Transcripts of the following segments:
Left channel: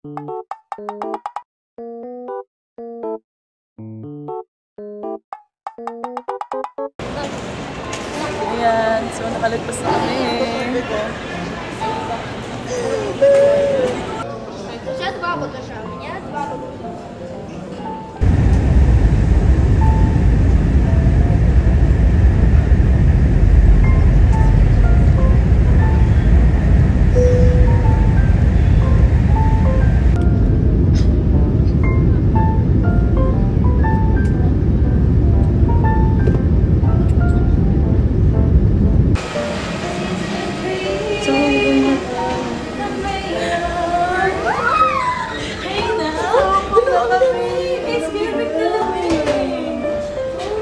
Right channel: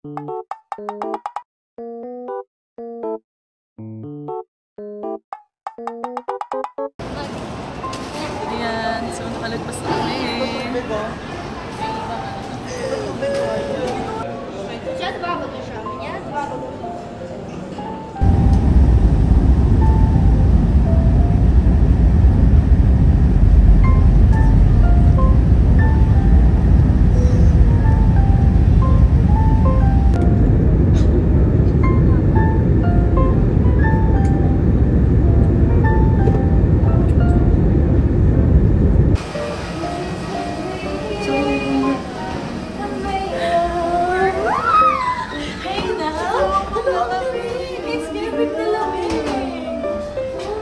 Ayan, so nakalagpas na kami.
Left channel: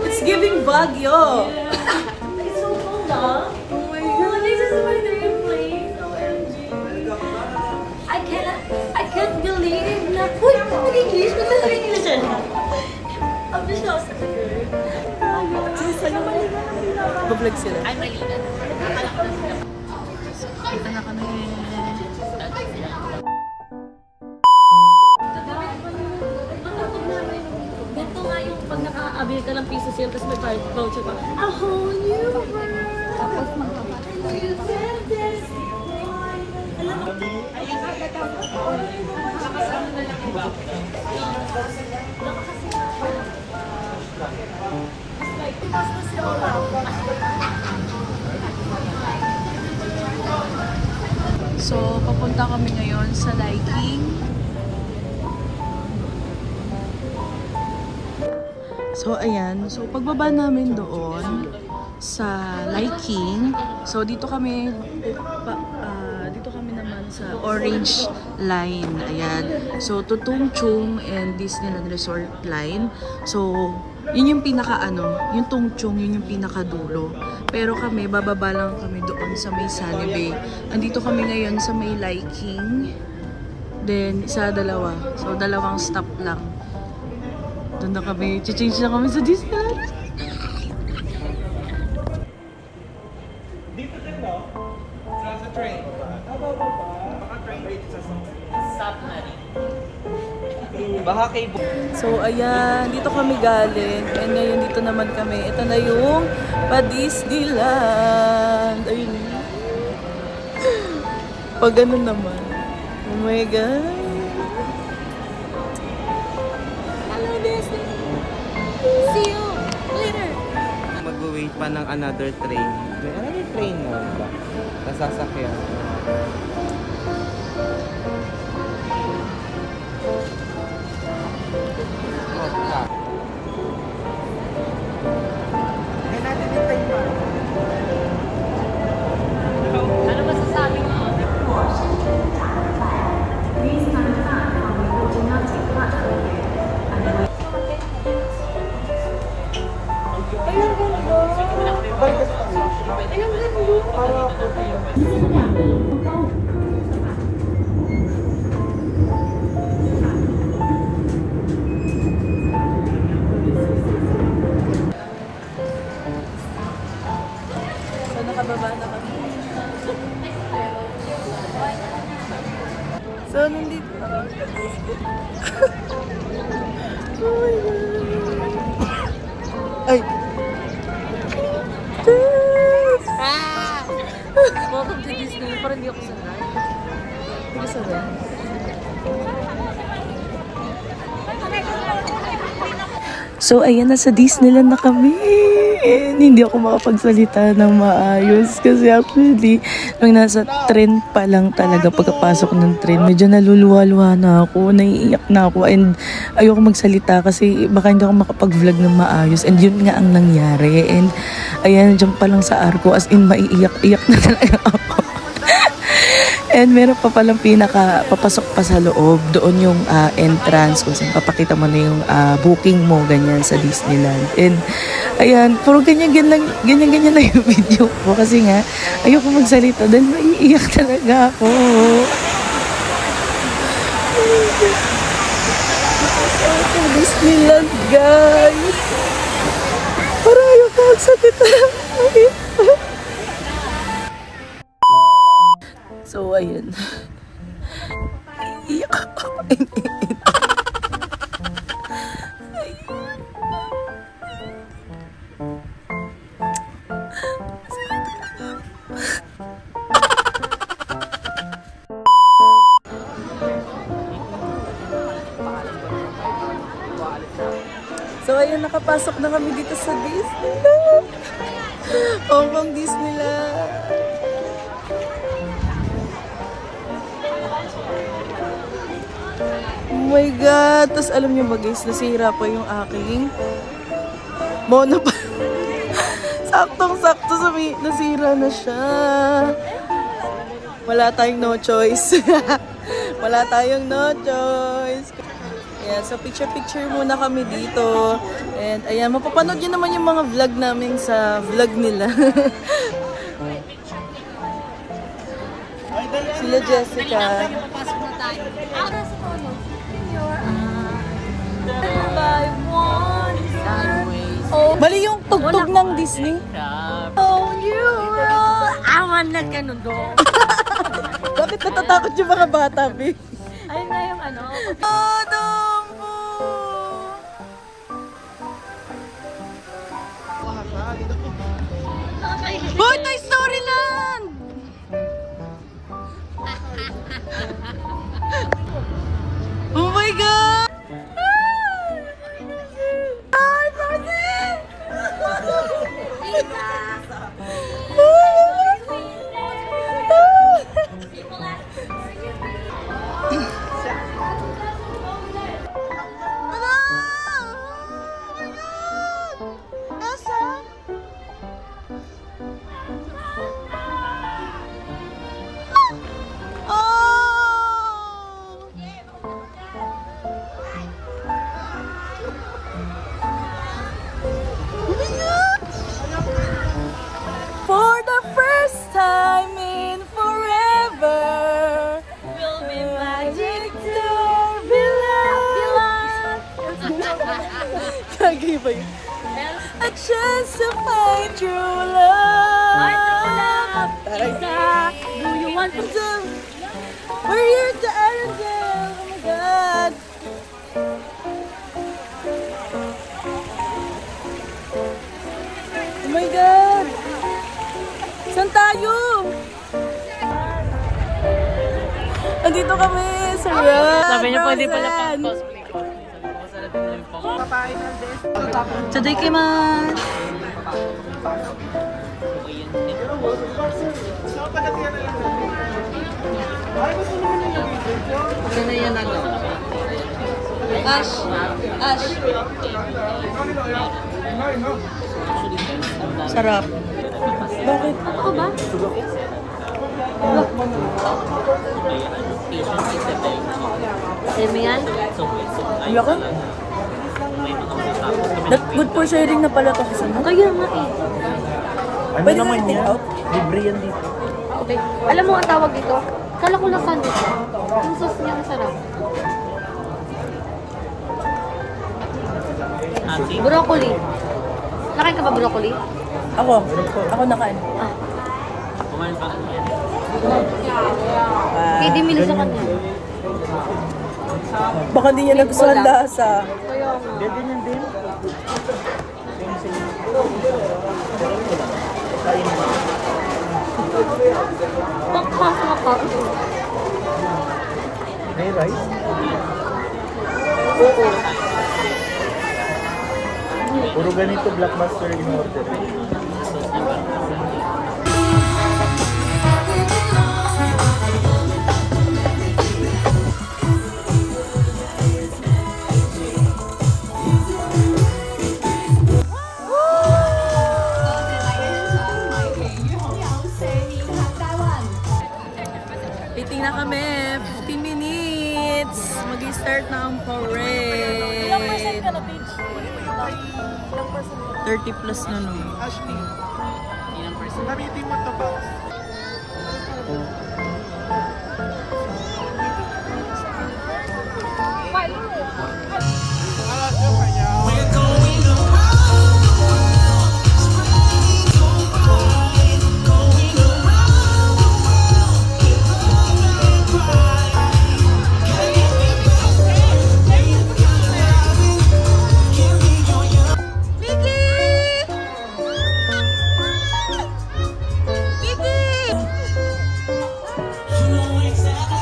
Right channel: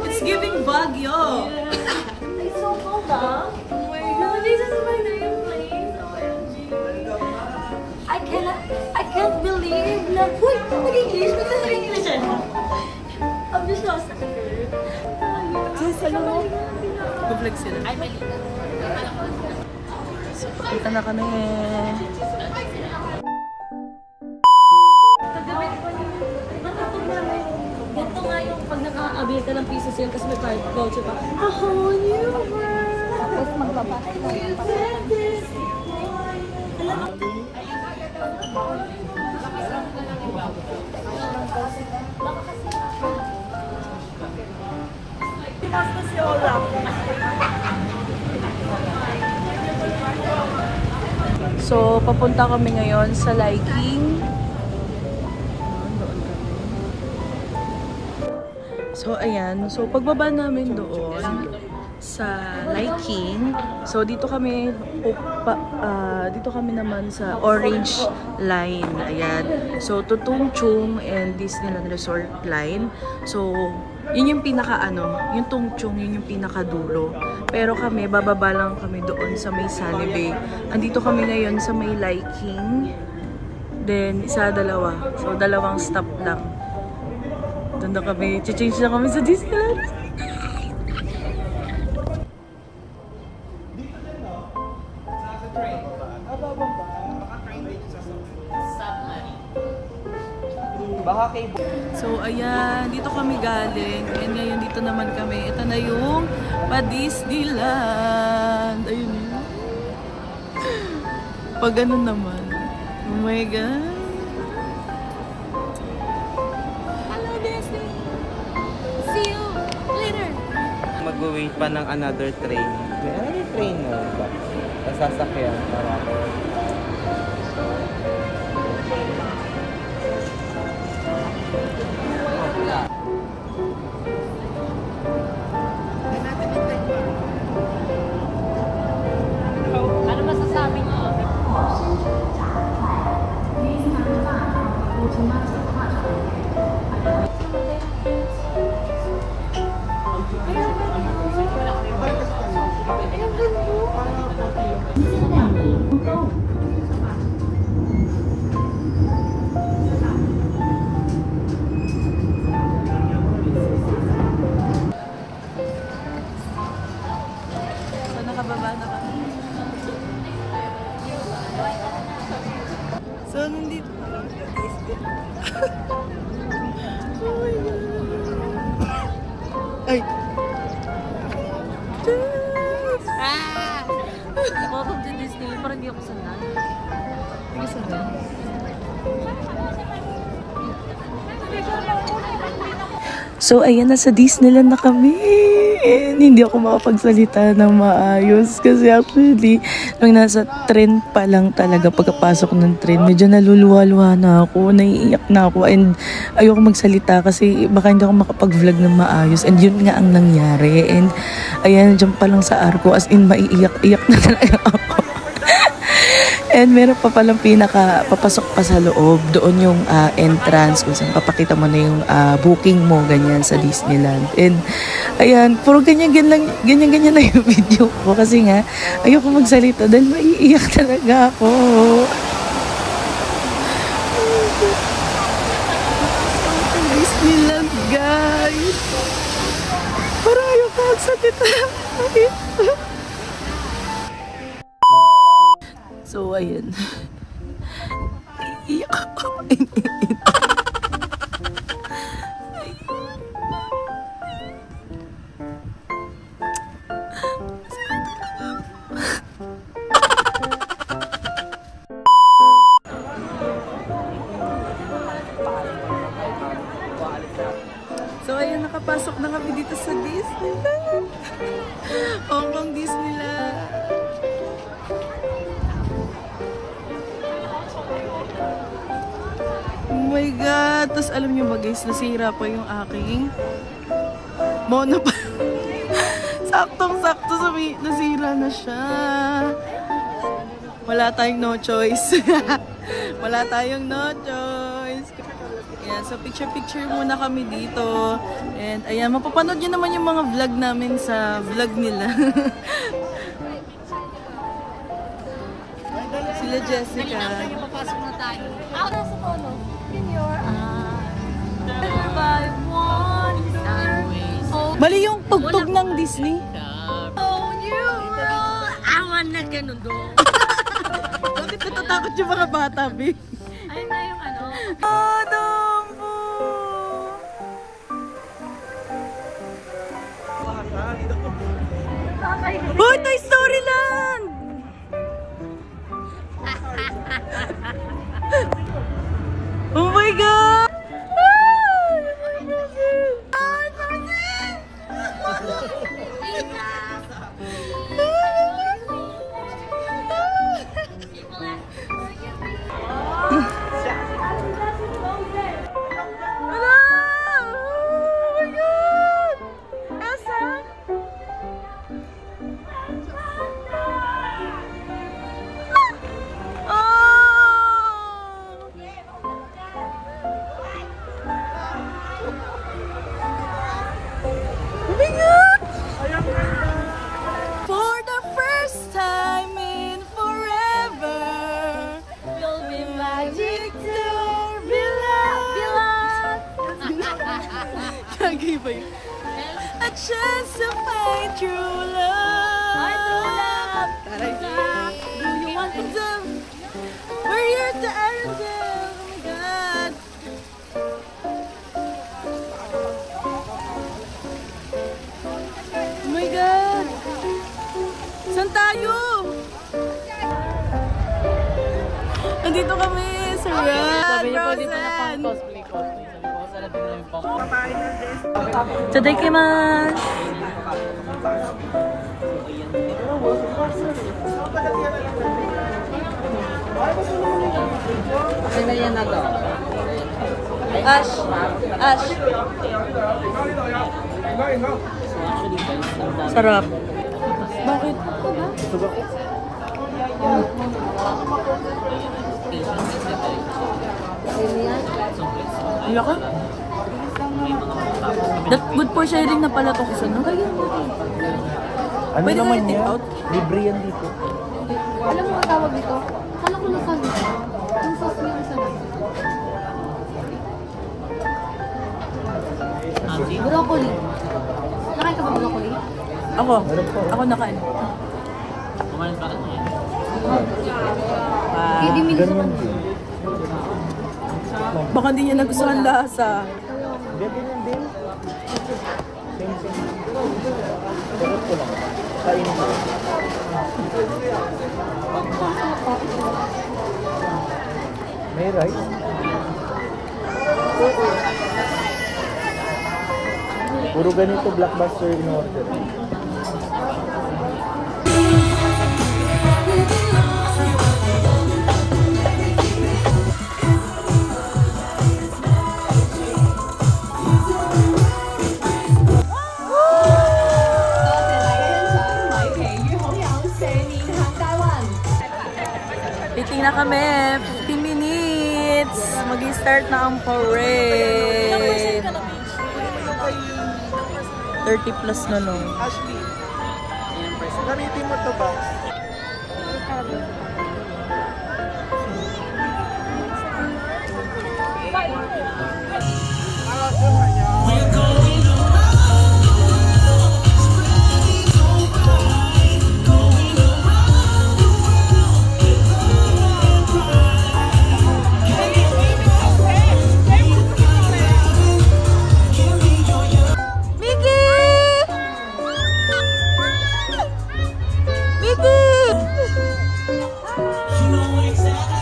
It's giving Baguio. It's so cold, huh? Oh my God. This is my dream place. OMG. I can't believe na. Uy, English. Ba't na English eh? I'm just lost as a girl. Bablag sila. Kita na kami. Ganito nga yung pag naka-avail ka ng piso sale tapos may voucher pa. A whole new world. Tapos magbabata. So, papunta kami ngayon sa Liking. So, ayan. So, pagbaba namin doon sa Liking. So, dito kami naman sa Orange Line. Ayan. So, Tung Chung and Disneyland Resort Line. So, yun yung yung Tung Chung, yun yung pinakadulo. Pero kami, bababa lang kami doon sa may Sunny Bay. Andito kami ngayon sa may Liking. Then, dalawa. So, dalawang stop lang. Doon na kami. Change na kami sa Disneyland. Dito din, no? Sa train. Baka train dito sa stop na rin. Baka cable. So, ayan. Dito kami galing. And ngayon dito naman kami. Ito na yung pa-Disneyland. Ayun. Pag ganun naman. Oh my God. Hello, Disney. See you later. Mag-wait pa ng another train. May another train na ba? Sasakyan. So, nakababa na kami. So, nandito na kami. Oh my God. Ay! Yes! Welcome to Disney. Parang hindi ako sanay. Hindi ka sanay. So, ayan, nasa Disneyland na kami. And hindi ako makapagsalita ng maayos. Kasi actually, nung nasa train pa lang talaga, pagkapasok ng train, medyo naluluwa-luwa na ako, naiiyak na ako. And ayoko magsalita kasi baka hindi ako makapag-vlog ng maayos. And yun nga ang nangyari. And ayan, dyan pa lang sa arko, as in, maiiyak-iyak na talaga ako. And meron pa palang papasok pa sa loob. Doon yung entrance kung saan papakita mo na yung booking mo, ganyan, sa Disneyland. And ayan, puro ganyan lang yung video ko. Kasi nga, ayoko magsalita dahil maiiyak talaga ako. So, Disneyland, guys. Parang ayoko magsalita. So, ayun. Iyak ako. ayan, nakapasok na kami dito sa Disneyland. Hong Kong Disneyland. Oh my God. Tapos alam niyo ba guys, nasira pa yung aking mono pa. Saktong-sakto nasira na siya. Wala tayong no choice. Wala tayong no choice. Ayan, so picture-picture muna kami dito. And ayan, mapapanood nyo naman yung mga vlog namin sa vlog nila. Sila Jessica. Bali yung tugtog ng Disney. Oh, you awan na ka nun doon. Bakit natatakot yung mga bata, B? Ayun na yung ano. Oh, Dumbo! Hoy, Toy Story Land! Oh my God! Ay, Martin! For the first time in forever, we'll be magic there, beloved. A chance to find true love. Do you want to? We're here to Arendelle. Oh my God. Oh my God. Saan tayo? Andito kami sa Frozen. Tadaikimasu. Ash. Sarap. Bakit? Wala ka? That good for sharing na pala itong isa, no? Ayun nga. Pwede ka i-take out? Libre yan dito. Alam mo ang tawag ito? Kala ko lang sandwich. Yung sauce niya ang sarap. Broccoli. Nakain ka ba broccoli? Ako nakain. Hindi mili sa kanya. Baka hindi niya nagustuhan lasa. May rice? Puro ganito black mustard mo. Waiting na kami. 15 minutes. Mag-start na ang parade. 30 plus na no. Ashley. Yan ang price. Gamitin mo to ba?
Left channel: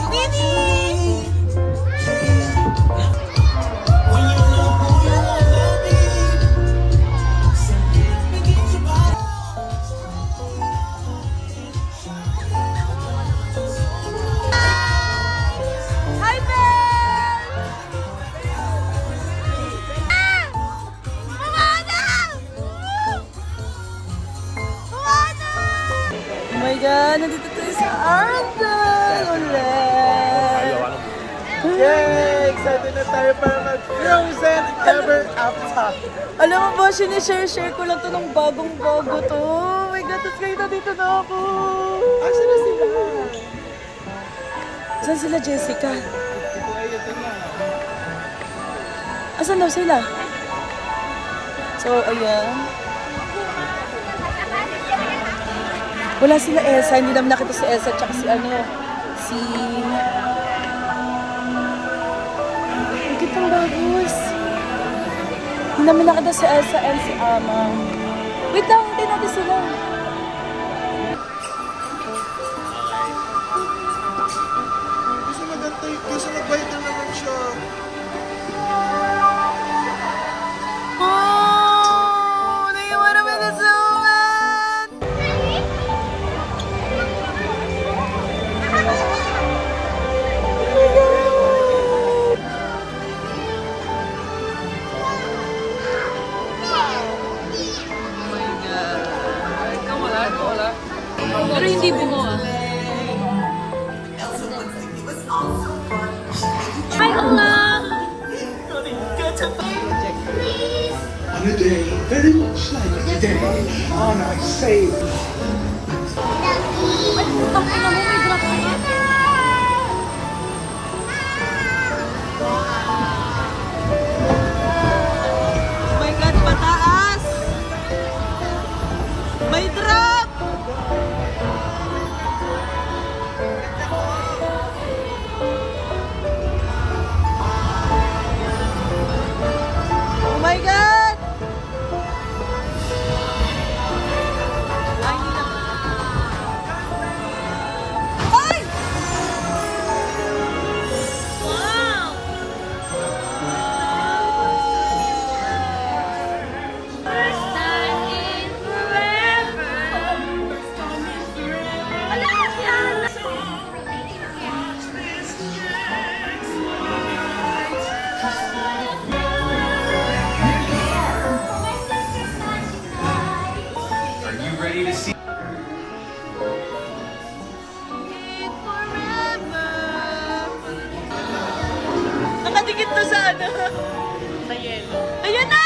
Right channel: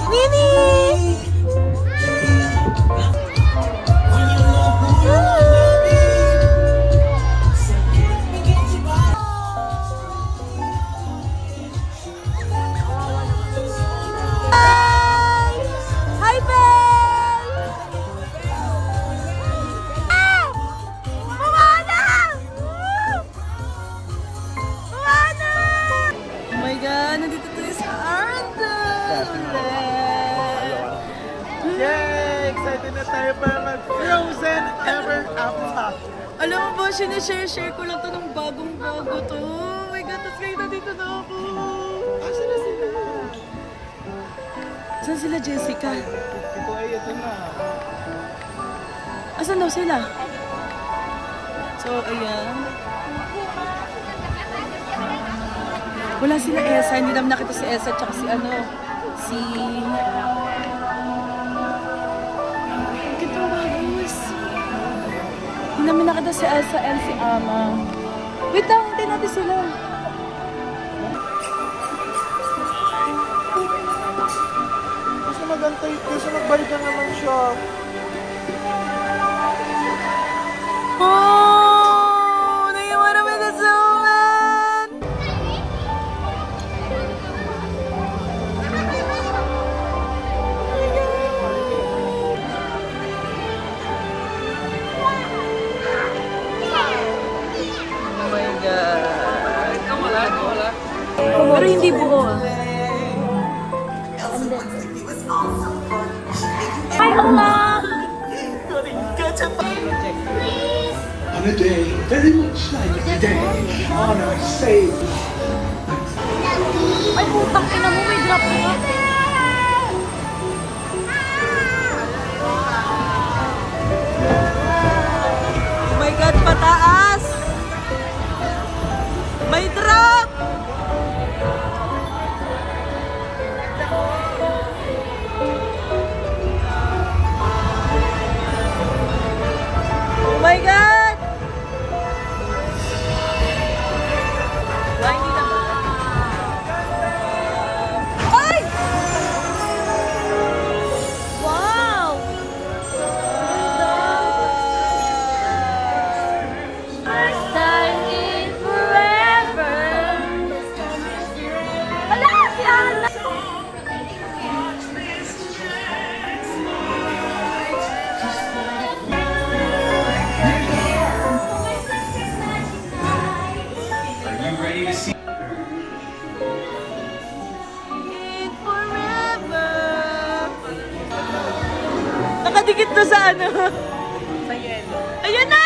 Winnie! nandito tayo sa Arndel ulit. Yay! Excited na tayo para mag-Frozen Ever After. Alam mo ba, sinishare ko lang to nung bagong-bago to. Oh my God, tapos ngayon nandito na ako. Asan na sila? Saan sila, Jessica? Ito ay ito na. Asan daw sila? So, ayan. Wala sila Elsa. Hindi naman nakita si Elsa tsaka si ano, si... Ang kitang bagus. Hindi namin nakita si Elsa and si Ama. Wait lang, hindi natin sila. Kasi magantay. Kasi magbalik na naman siya. Oh! Do you wanna be the snowman? Oh my God. Pero hindi buho ah. On a day very much like today, on our save. Oh my God, pataas! May drop! Oh my God! Ay, hindi na ba? Ay! Wow! Are you ready to see? Nakadikit to sa ano. Ayan na!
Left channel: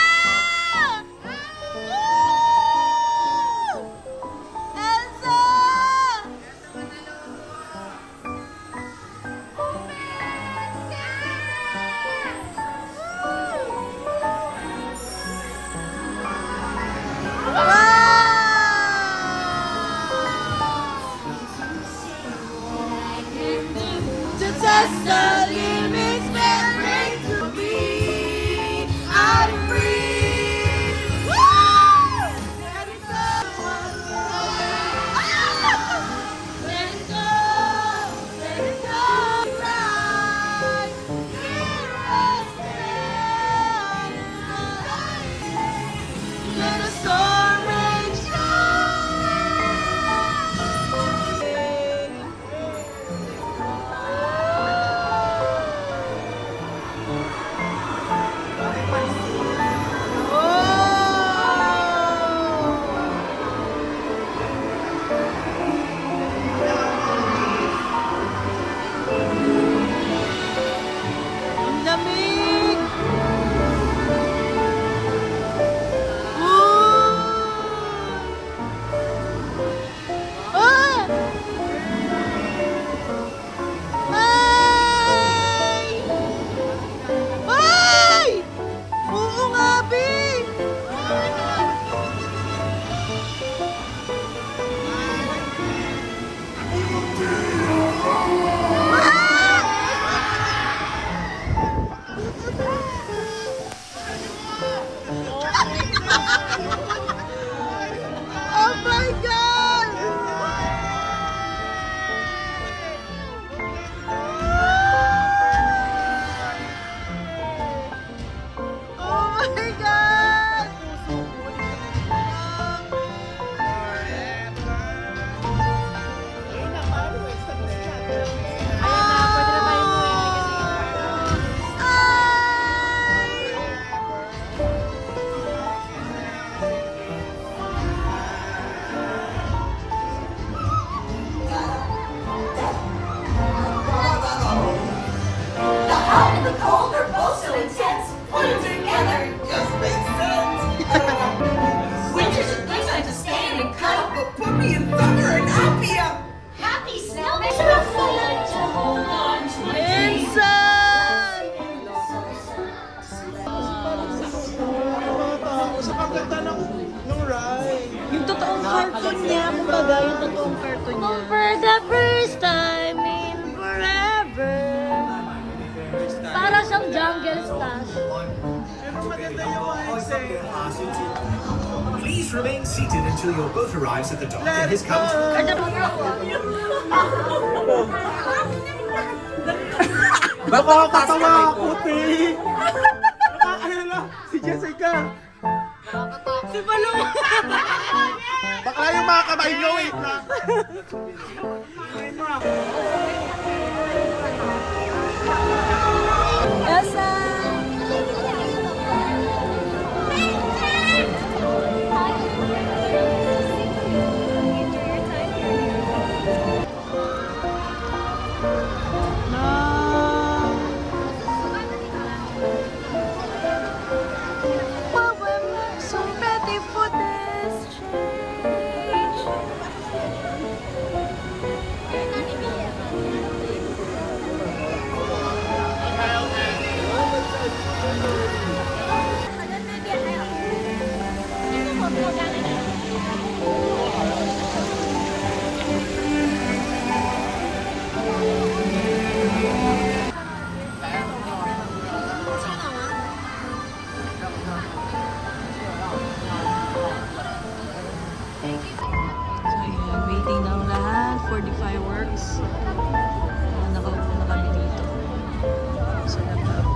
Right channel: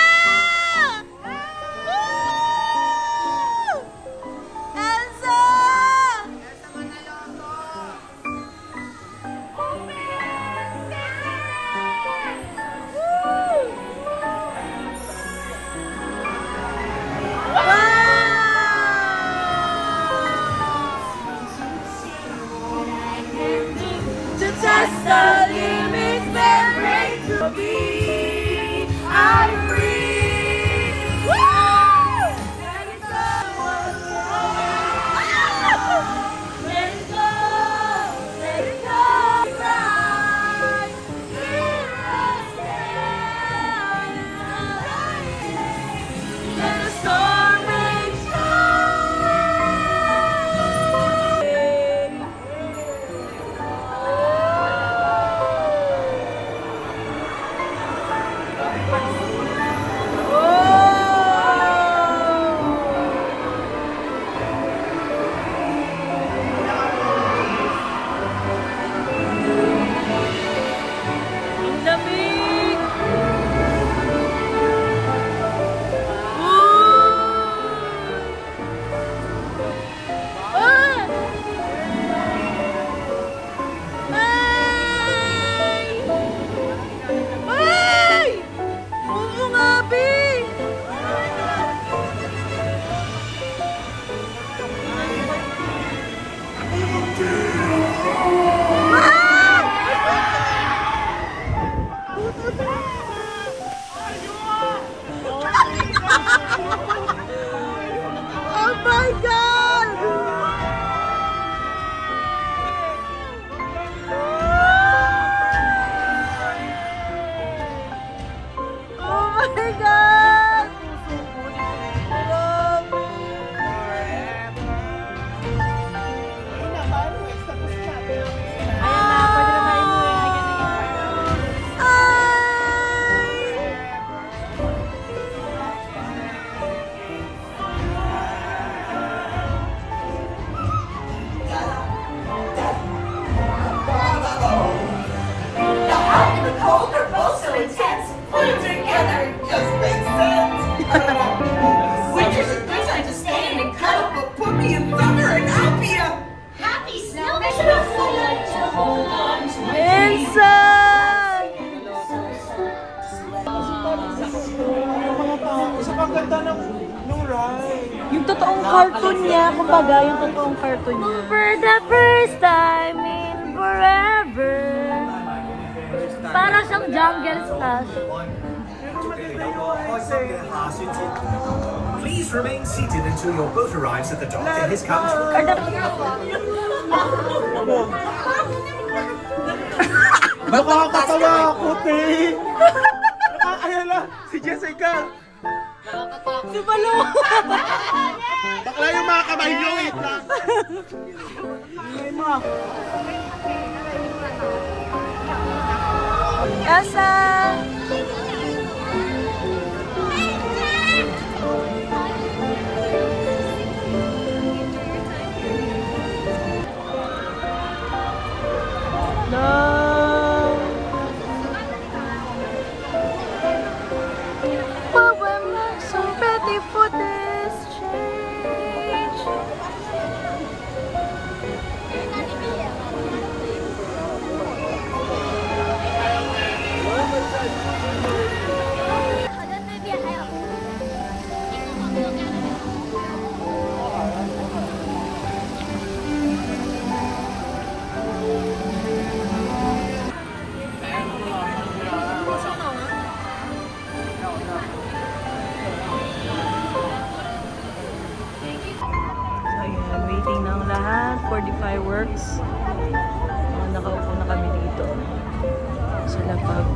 Woo! Elsa! Just the limits that break to be. I'm free. Woo! Let it go. Let it go. Let it go. Right. Let the storm rage Oh my God! Oh my God! and the cold are both so intense. Put them together, it just makes sense. Winter's a good time to stay in and cuddle, but put me in summer and I'll be a happy snowman. To hold on to my dreams. Yung totoong cartoon niya, kumbaga, yung totoong cartoon niya. For the first time in forever. Para siyang jungle stash. Please remain seated until your boat arrives at the dock and his count. Nakakatawa ako, te! Ayan na, si Jessica! Si Palo! Bakla yung mga kamay nyo, wait lang! Elsa! Waiting ng lahat for the fireworks. Nakaupo na kami dito. Sa laptop.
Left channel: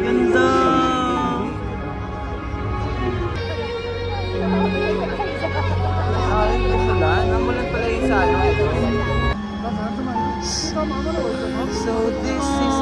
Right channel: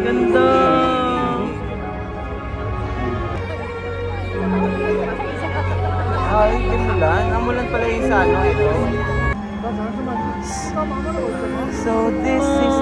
Ganda! So this is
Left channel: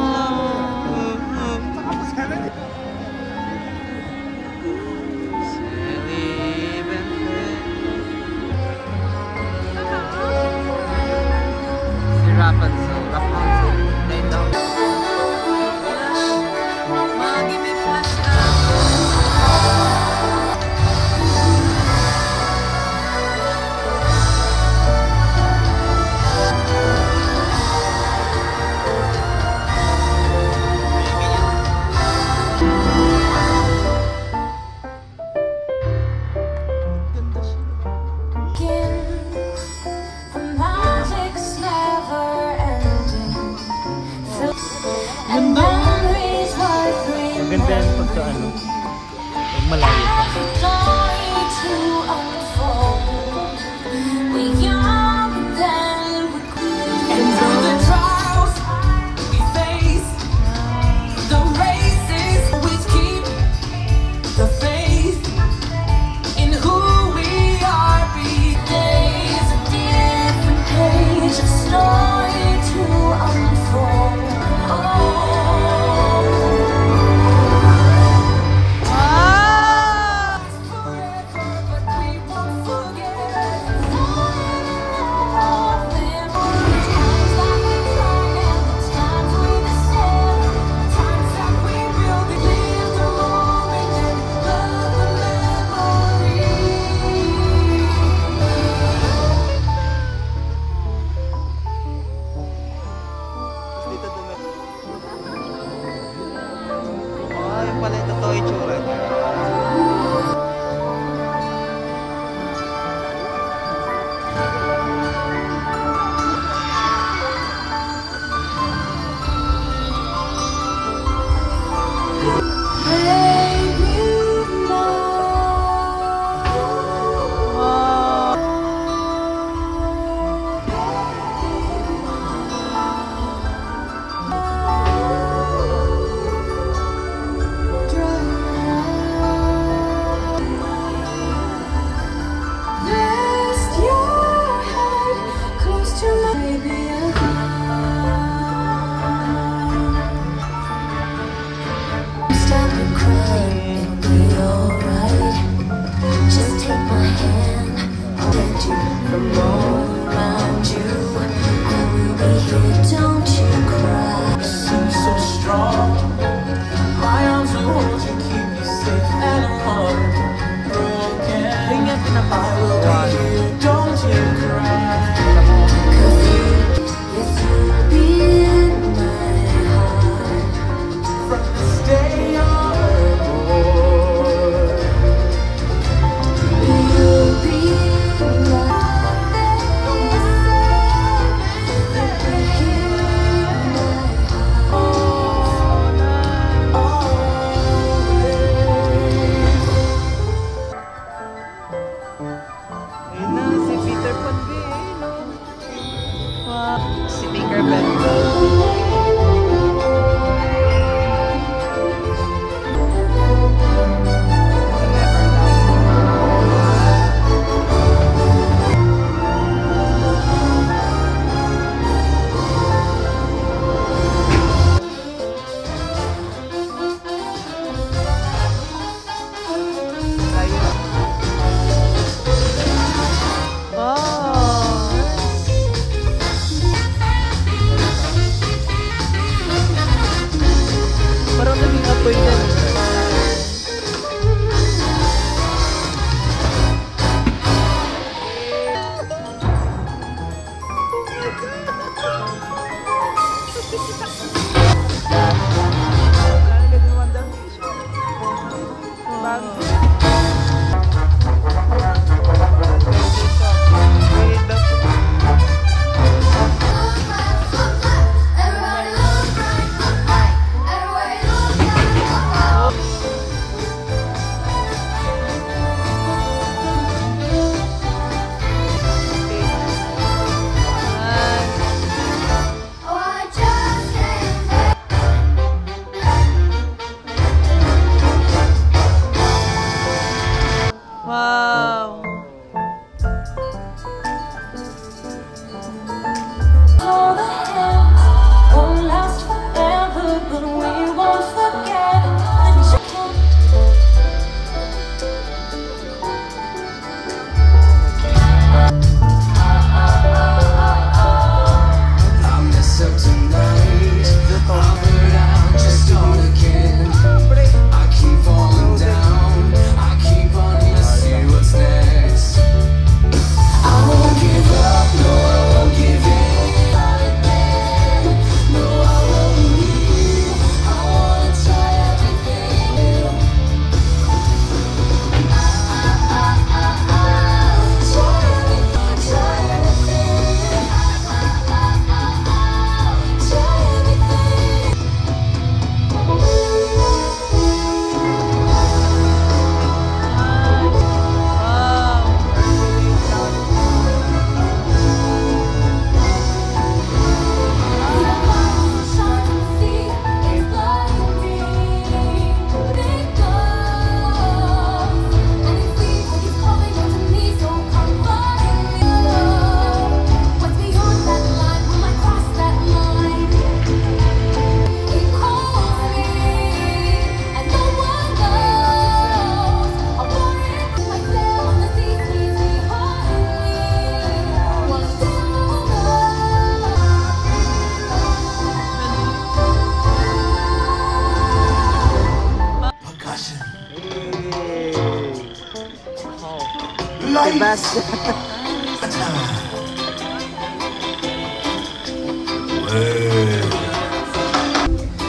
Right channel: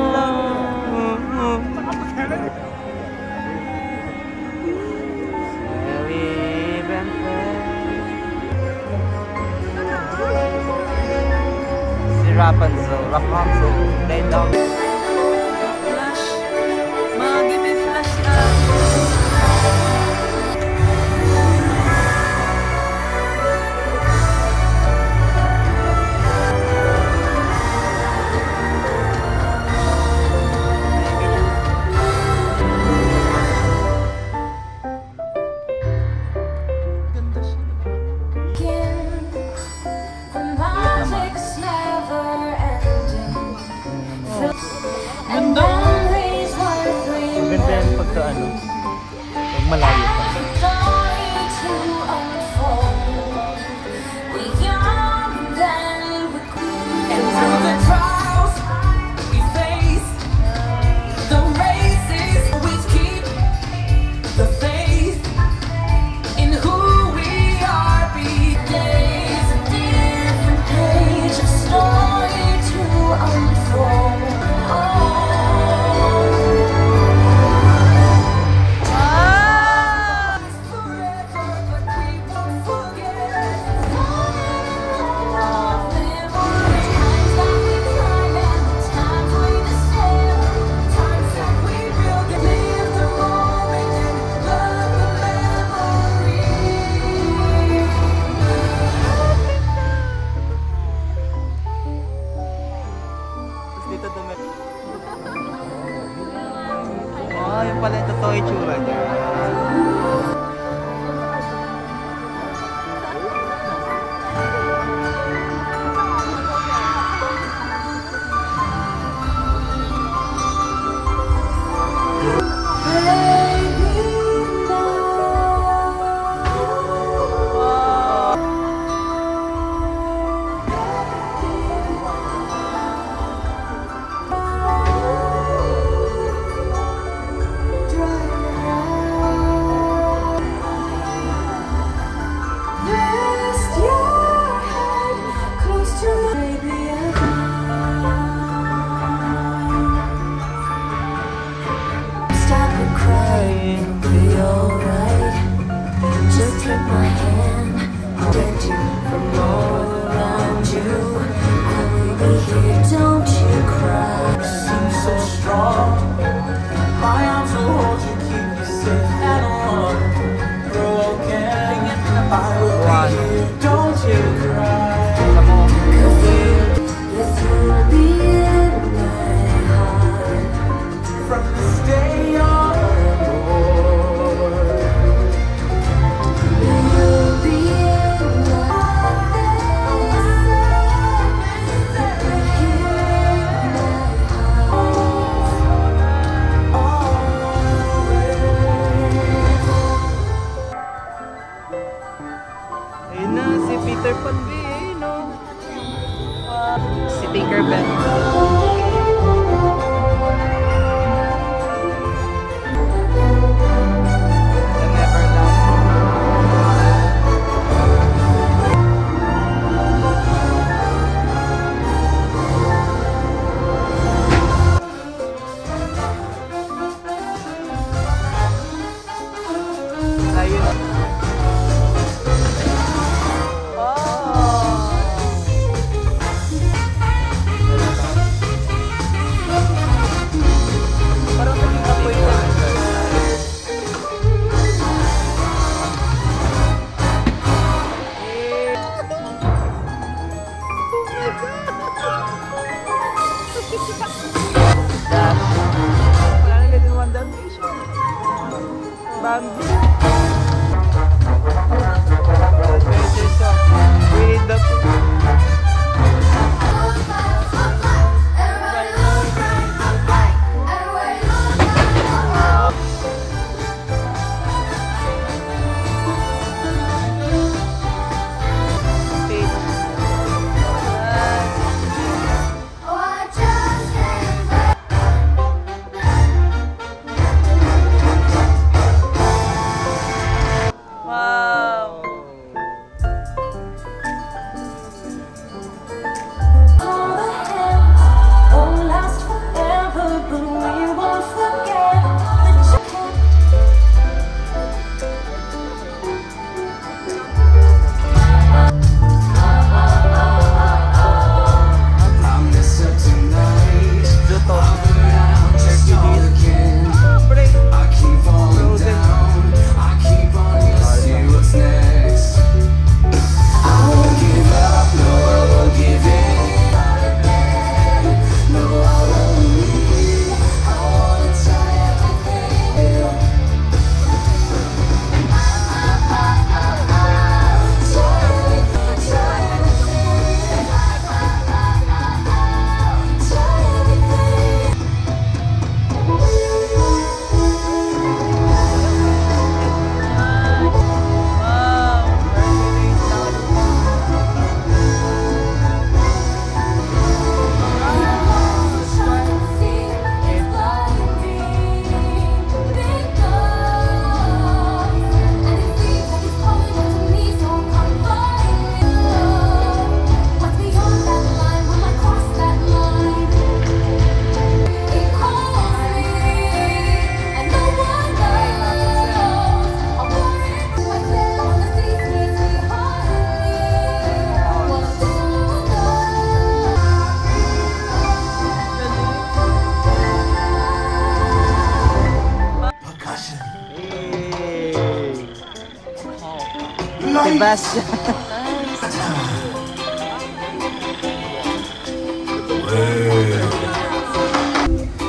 Maganda yan pagka pag malayo pa.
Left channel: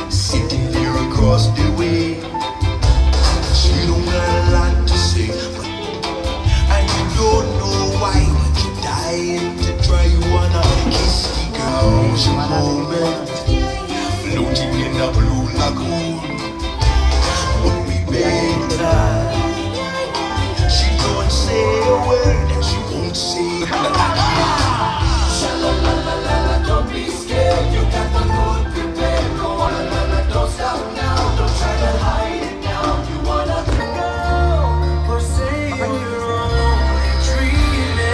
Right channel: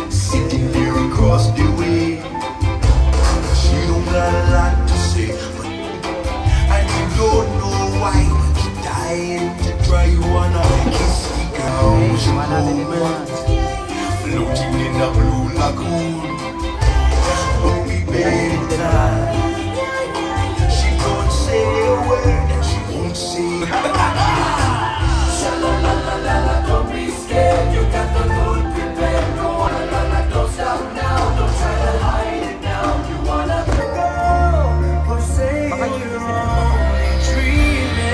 Sitting there across the way, she don't got a lot to say, but I don't know why she dying to try. You wanna kiss the girls a moment, floating in a blue lagoon. Would be better. She don't say a word and she won't say. Don't be scared, you got the food prepared. Go on, don't stop now, don't try to hide it now. You wanna go for saying you're only dreaming.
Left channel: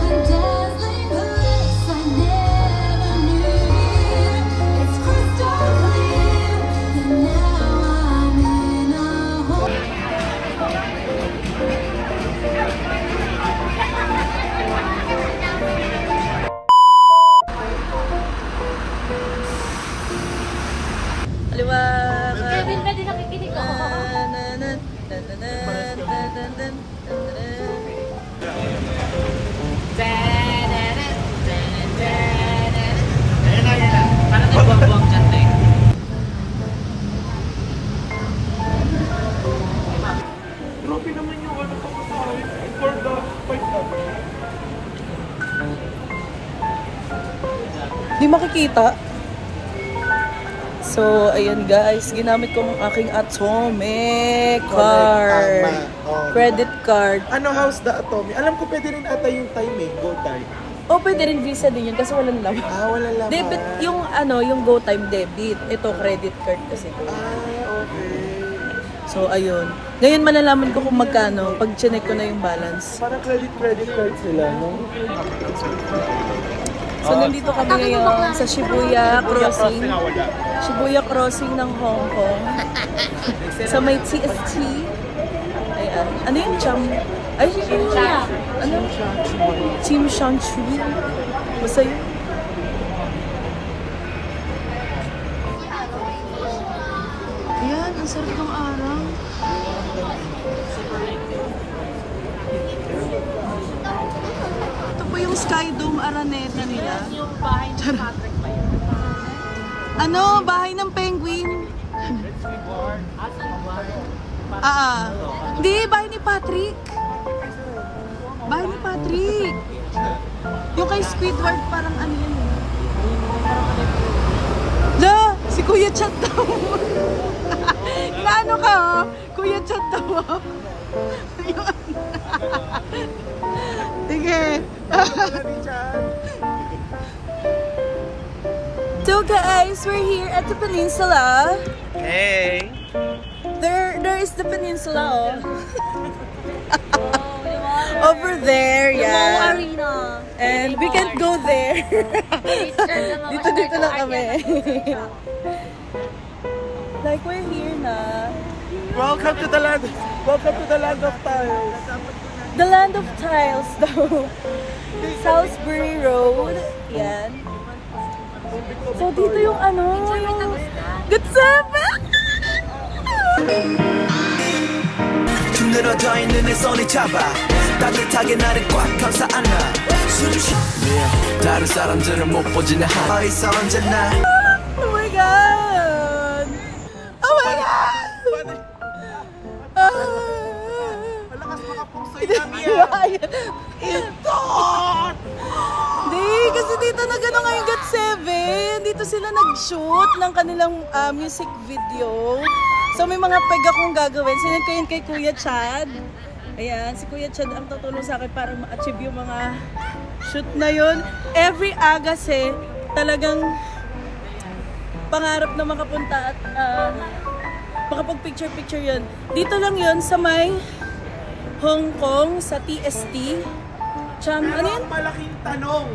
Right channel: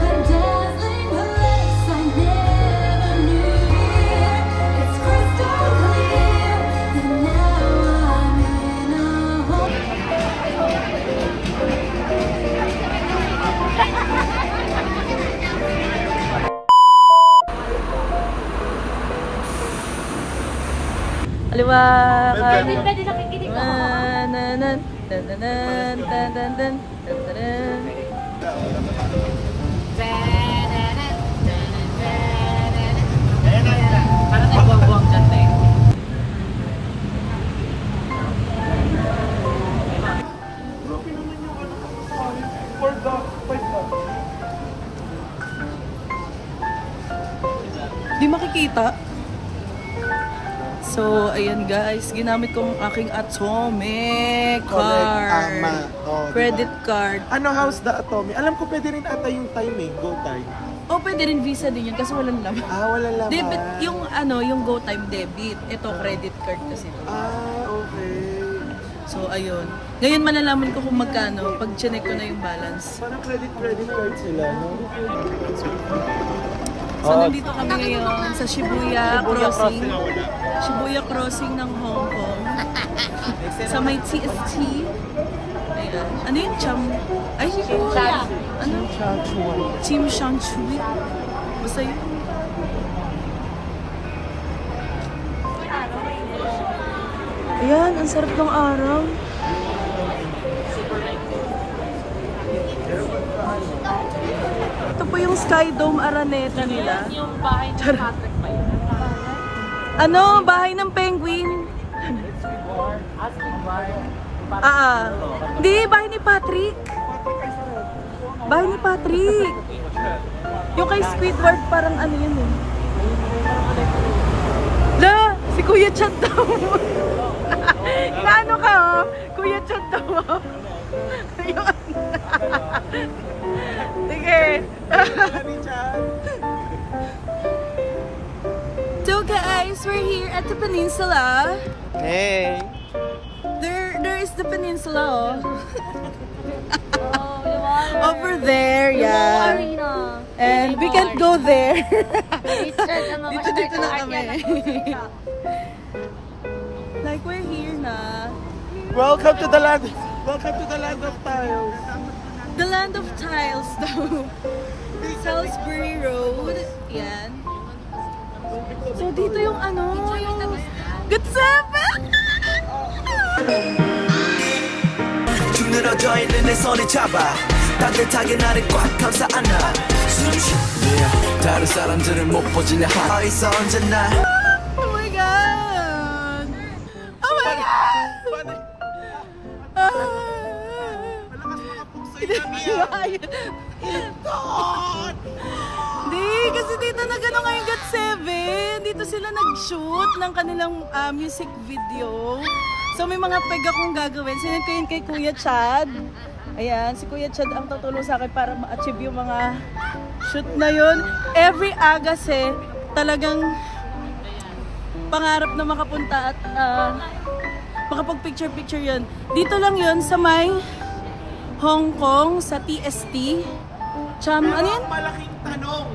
The dazzling bliss I never knew. It's crystal clear that now I'm in a hole. Pwede nakikinig ako. Parang nagbuang-buang dyan na eh. Grabe naman yung ano ko for the... Di makikita. So, So, ayan guys, ginamit ko ang aking Atomic card. Credit card. Ano how's the Atomic? Alam ko pwede rin ata yung time eh, go time. O, pwede rin Visa din yun kasi walang laman. Walang laman. Debit, yung ano, yung Go Time debit. Ito, credit card kasi. Okay. So, ayun. Ngayon malalaman ko kung magkano pag chinek ko na yung balance. Parang credit card sila, no? So, nandito kami ngayon sa Shibuya Crossing. Shibuya Crossing ng Hong Kong. Sa may TST. Ayan. Ano yung Cham? Ay, Shibuya. Ano? Chim Shan Chui. Basta yun. Ayan, ang sarap ng araw. Ito po yung Sky Dome Araneta nila. Charot. Ano? Bahay ng penguin. Hindi, bahay ni Patrick. Bahay ni Patrick. Yung kay Squidward parang ano yun eh. La! Si Kuya Chat daw. Ano ka oh? Kuya Chat daw oh. Ayun. Sige. So guys, we're here at the peninsula. Hey! There is the peninsula oh. Over there, yeah. And we can't go there. Dito na kami. Like we're here na. Welcome to the land of tiles. The land of tiles daw. Salisbury Road. Yan. So dito yung ano, yung Gatsabe! 힘들어져 있는 내 손을 잡아 따뜻하게 나를 꽉 감싸 안아 숨쉬 다른 사람들은 못 보지 내 하나 있어 언제나 Oh my god! Oh my god! Di, kasi dito na gano'n ngayong GOT7. Dito sila nag-shoot ng kanilang music video. So may mga peg akong gagawin. Sinend ko yun kay Kuya Chad. Ayan, si Kuya Chad ang tutulong sa akin para ma-achieve yung mga shoot na yun. Every Agase, talagang pangarap na makapunta at makapag-picture-picture yun. Dito lang yun sa may Hong Kong, sa TST. Cham, ano yan? Malaking tanong.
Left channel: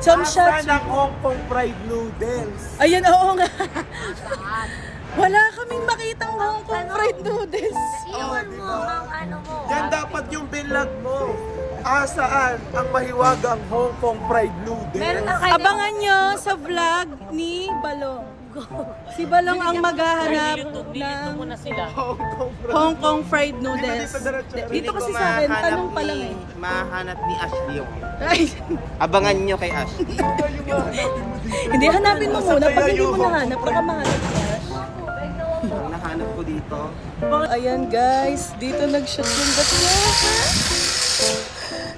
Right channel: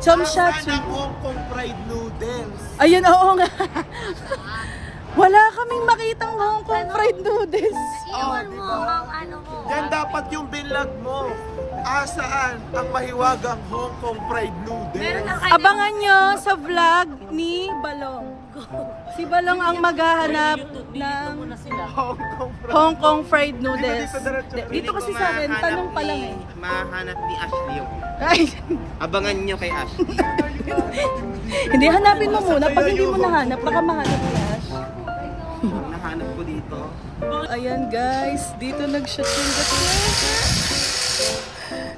Cham Shat. Ng Hong Kong fried noodles. Ayun, oo nga. Wala kaming makitang Hong Kong fried noodles. Iwan mo ang ano mo. Yan dapat yung binlog mo. Saan ang mahiwagang Hong Kong fried noodles? Abangan nyo sa vlog ni Balong. Si Balong ang maghahanap ng Hong Kong fried noodles. Dito kasi sa akin, tanong pa lang eh. Mahanap ni Ashley yung. Ay, Abangan nyo kay Ashley. hindi, hanapin mo muna. Pag hindi mo nahanap, baka mahanap ni Ash. Ang nahanap ko dito. Ayan guys, dito nag-shoot yung GOT7.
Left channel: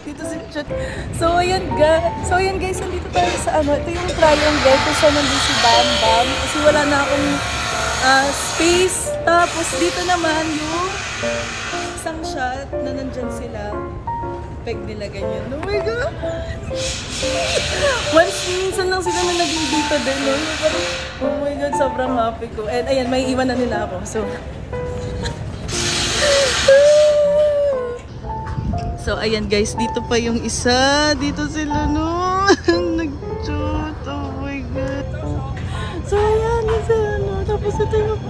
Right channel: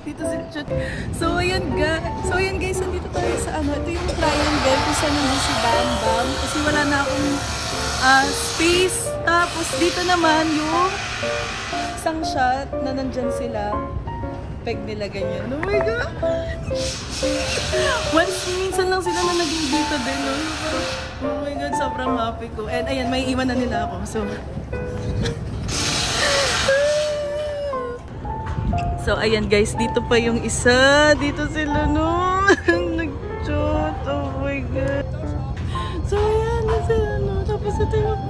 Dito nag-shoot. So ayan guys, nandito tayo sa ano, ito yung triangle kung saan nandun si Bam Bam. Kasi wala na akong space. Tapos dito naman yung isang shot na nandyan sila. Peg nila ganyan. Oh my God! Minsan lang sila na naging dito din. No? So, parang, oh my God, sobrang happy ko. And ayan, may iwan na nila ako. So ayan guys, dito pa yung isa. Dito sila no. Nag-shoot. Oh my God. So ayan, kasi ano. Tapos ito yung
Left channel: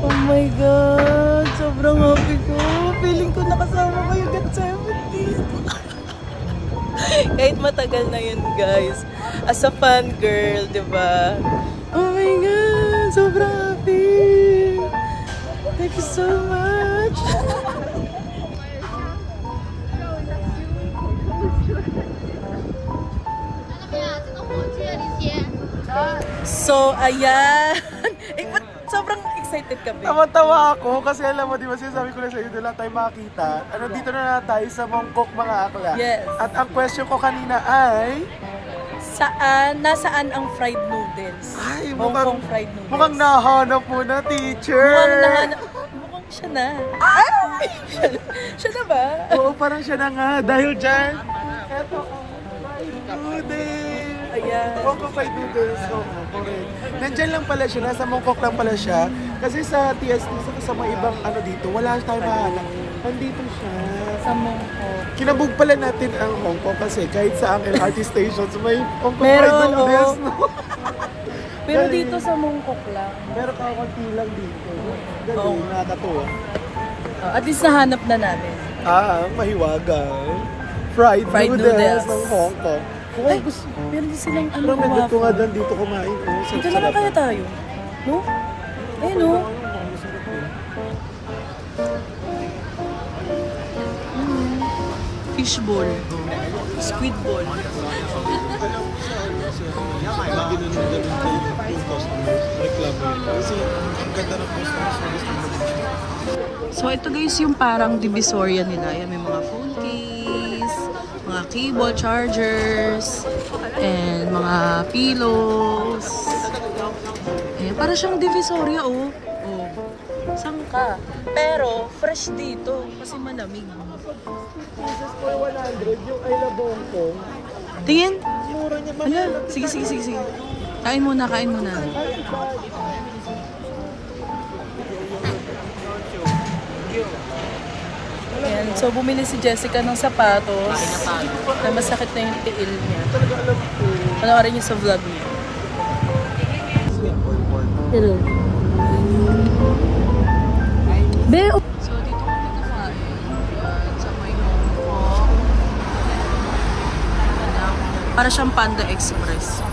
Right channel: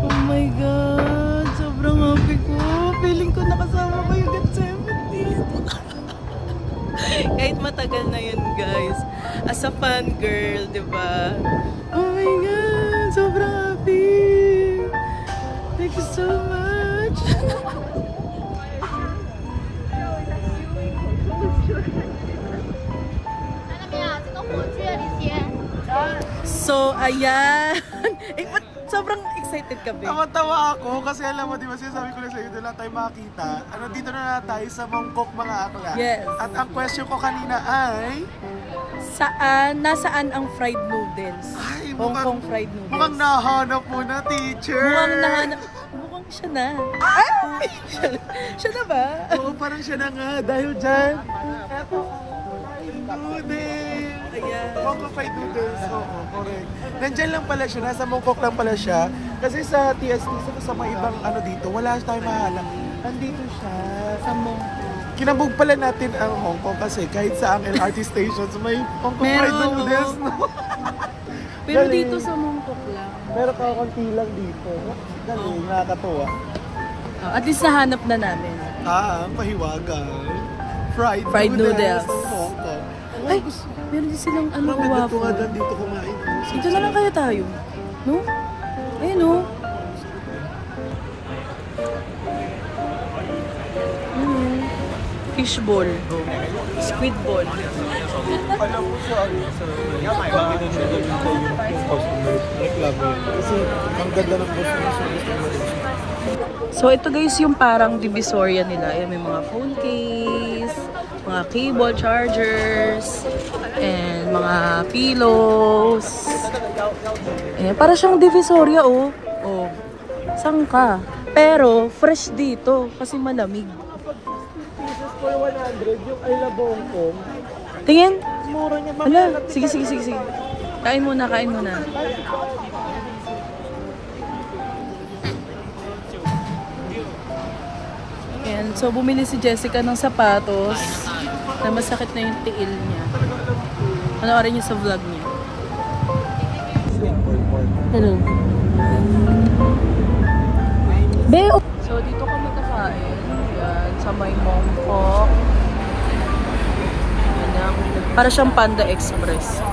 oh my God. Sobrang happy ko. Feeling ko nakasama ko yung GOT7. Kahit matagal na yun guys. As a fan girl, diba? Oh my God. Sobrang happy. Thank you so much. So, ayan. Sobrang excited ka ba? Tawa-tawa ako kasi alam mo, di ba sinasabi ko na sa'yo, doon lang tayo makakita. Dito na tayo sa Mongkok mga akla. Yes. At ang question ko kanina ay... Nasaan ang fried noodles? Ay, Hong Kong fried noodles. mukhang nahanap mo na, teacher. Mukhang siya na. Ay! Siya na ba? Oo, parang siya na nga. Dahil dyan, eto ang fried noodles. Ayan. Hong Kong fried noodles. Oo, correct. Nandyan lang pala siya. Nasa Mongkok lang pala siya. Kasi sa TST, sa mga ibang ano dito, wala tayong mahanap. Nandito siya. Sa Mongkok. Kinabog pala natin ang Hong Kong kasi kahit sa ang LRT stations may Hong Kong fried Meron, noodles. oo. Pero dito sa Mongkok lang. Meron kang konti lang dito. Galing, nakakatuwa. At least nahanap na namin. Ang mahiwagang fried noodles ng Hong Kong. Ay, meron din silang ano, Pero medyo ko nga waffle. doon dito kumain. Oh, Dito naman kaya tayo. No? Ayun, no? Fish ball. Squid ball. Kasi ang ganda ng So ito guys yung parang divisoria nila. Yan, may mga phone case, mga cable chargers, and mga pillows. Ayan, para siyang divisoria oh. Oh. Saan ka? Pero fresh dito kasi malamig. Tingin? Hala, sige. Kain muna. Ayan, so bumili si Jessica ng sapatos. Ay, masakit na yung tiil niya. Panoorin niyo sa vlog niya. Hello. Be, so dito kami kakain. Ayan, sa may Mongkok. Ayan, para siyang Panda Express.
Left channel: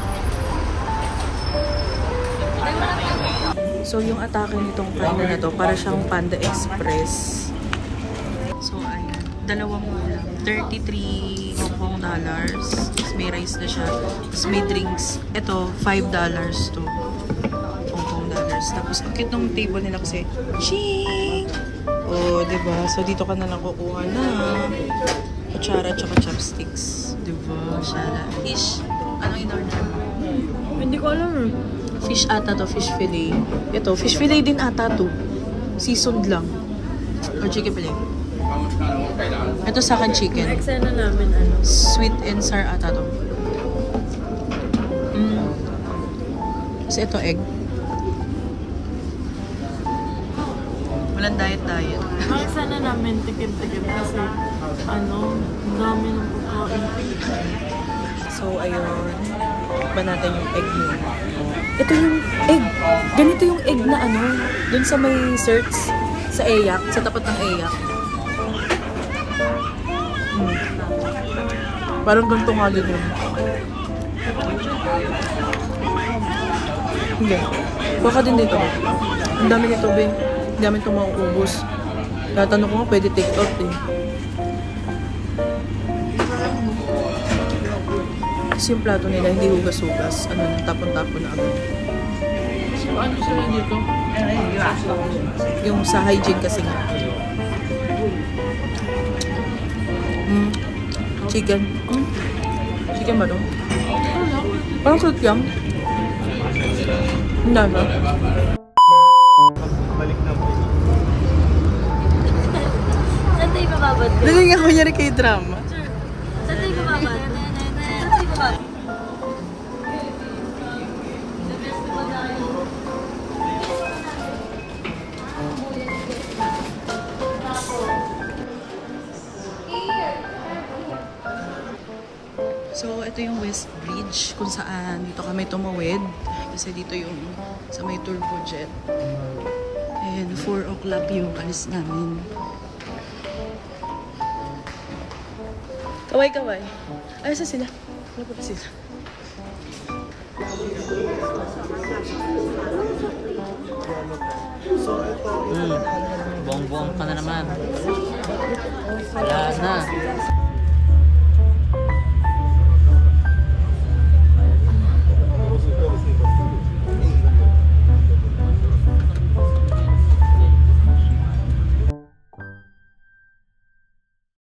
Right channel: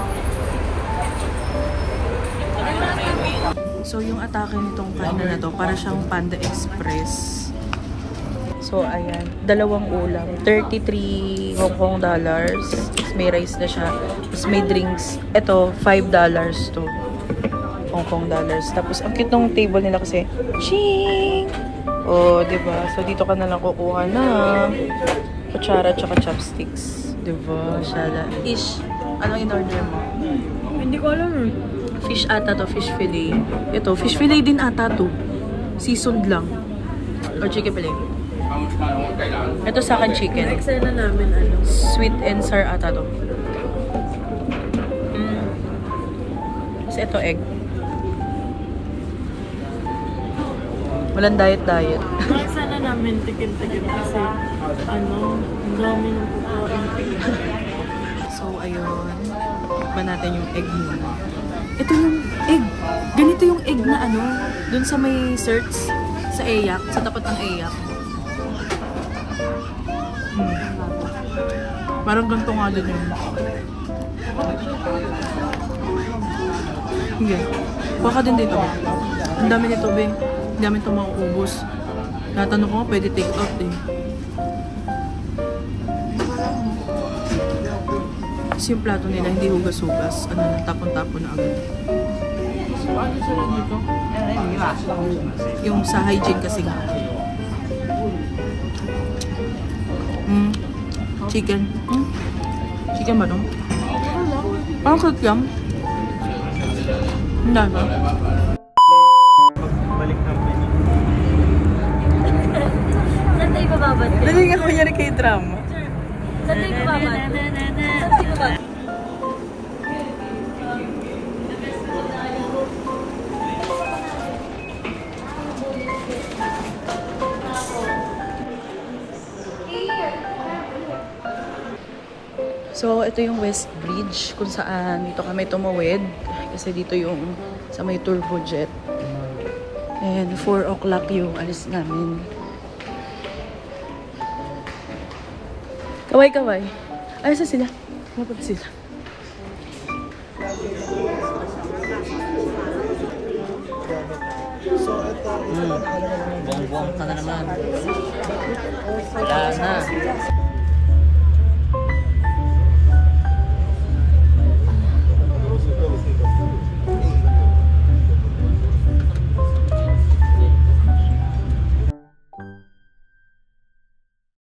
So yung atake nitong kainan na to, para siyang Panda Express. So, ayan. Dalawang ulam. 33 Hong Kong dollars. May rice na siya. Tapos may drinks. Ito, $5 to. Hong Kong dollars. Tapos, ang cute ng table nila kasi, ching! Oh, diba? So, dito ka na lang kukuha na kutsara tsaka chopsticks. Diba? Shala. Fish. Ano in-order mo? Hindi ko alam. Fish ata to. Fish fillet. Ito, fish fillet din ata to. Seasoned lang. Or chicken fillet. Ito sa akin chicken. Eksena namin ano. Sweet and sour ata to. Kasi ito egg. Walang diet. Eksena namin tikim-tikim kasi ano, ang dami ng pagkain. So ayun. Ba natin yung egg muna. Ito yung egg. Ganito yung egg na ano. Dun sa may search. Sa Ayak. Sa tapat ng Ayak. Parang ganito nga din yun. Hindi. Kuha ka din dito. Ang dami nito, Ben. Ang dami ito mauubos. Natanong ko nga, pwede take out eh. Kasi yung plato nila, hindi hugas-hugas. Ano na, tapon-tapon na agad. Yung sa hygiene kasi nga. Chicken. Chicken ba dong? Parang cute lang. Hindi ba? Saan tayo bababad? Naging ako niya rin kay drama. Saan tayo bababad? So, ito yung West Bridge kung saan dito kami tumawid. Kasi dito yung sa may turbo jet. And 4 o'clock yung alis namin. Kaway. Ayos na sila. Mapap sila. So, ito. Buong-buong ka na naman. Ayan na.